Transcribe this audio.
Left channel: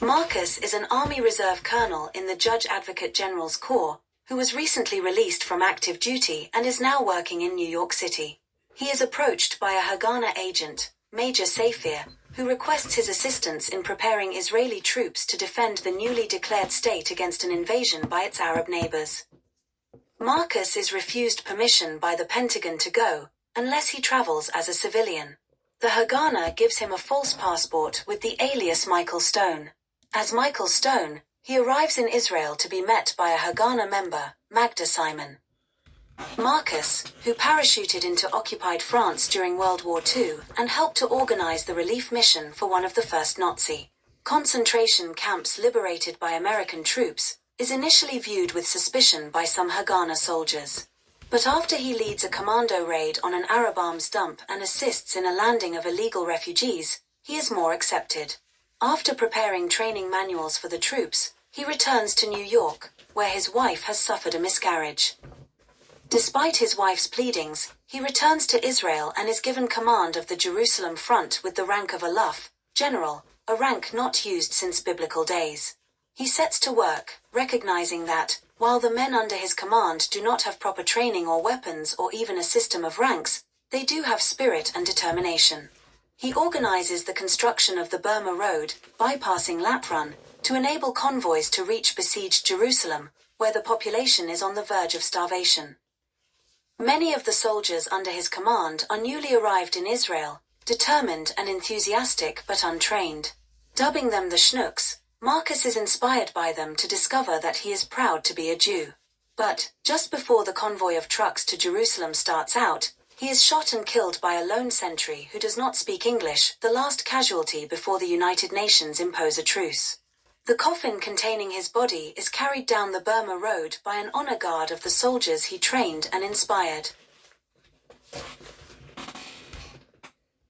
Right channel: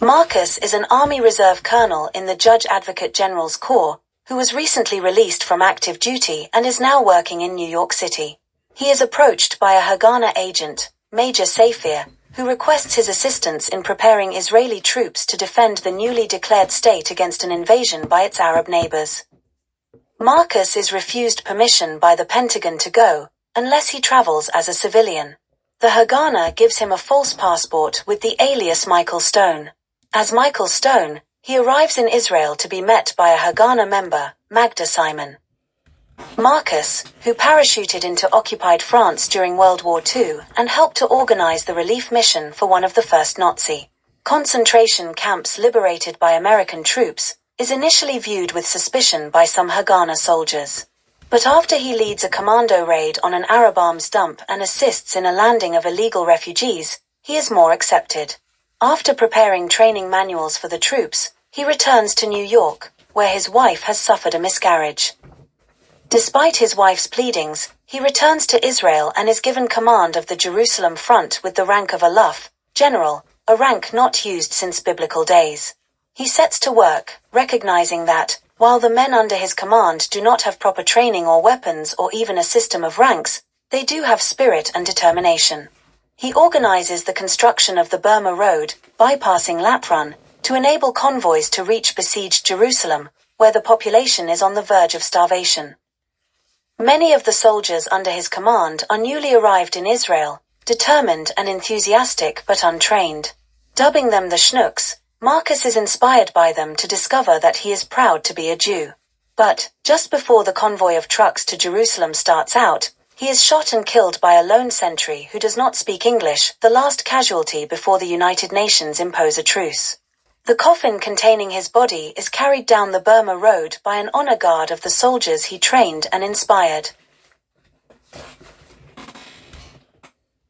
Marcus is an Army Reserve colonel in the Judge Advocate General's Corps, who was recently released from active duty and is now working in New York City. He is approached by a Haganah agent, Major Safir, who requests his assistance in preparing Israeli troops to defend the newly declared state against an invasion by its Arab neighbors. Marcus is refused permission by the Pentagon to go, unless he travels as a civilian. The Haganah gives him a false passport with the alias Michael Stone. As Michael Stone, he arrives in Israel to be met by a Haganah member, Magda Simon. Marcus, who parachuted into occupied France during World War II and helped to organize the relief mission for one of the first Nazi concentration camps liberated by American troops, is initially viewed with suspicion by some Haganah soldiers. But after he leads a commando raid on an Arab arms dump and assists in a landing of illegal refugees, he is more accepted. After preparing training manuals for the troops, he returns to New York, where his wife has suffered a miscarriage. Despite his wife's pleadings, he returns to Israel and is given command of the Jerusalem front with the rank of Aluf, general, a rank not used since biblical days. He sets to work, recognizing that, while the men under his command do not have proper training or weapons or even a system of ranks, they do have spirit and determination. He organizes the construction of the Burma Road, bypassing Laprun, to enable convoys to reach besieged Jerusalem, where the population is on the verge of starvation. Many of the soldiers under his command are newly arrived in Israel, determined and enthusiastic but untrained. Dubbing them the Schnooks, Marcus is inspired by them to discover that he is proud to be a Jew. But, just before the convoy of trucks to Jerusalem starts out, he is shot and killed by a lone sentry who does not speak English, the last casualty before the United Nations impose a truce. The coffin containing his body is carried down the Burma Road by an honor guard of the soldiers he trained and inspired.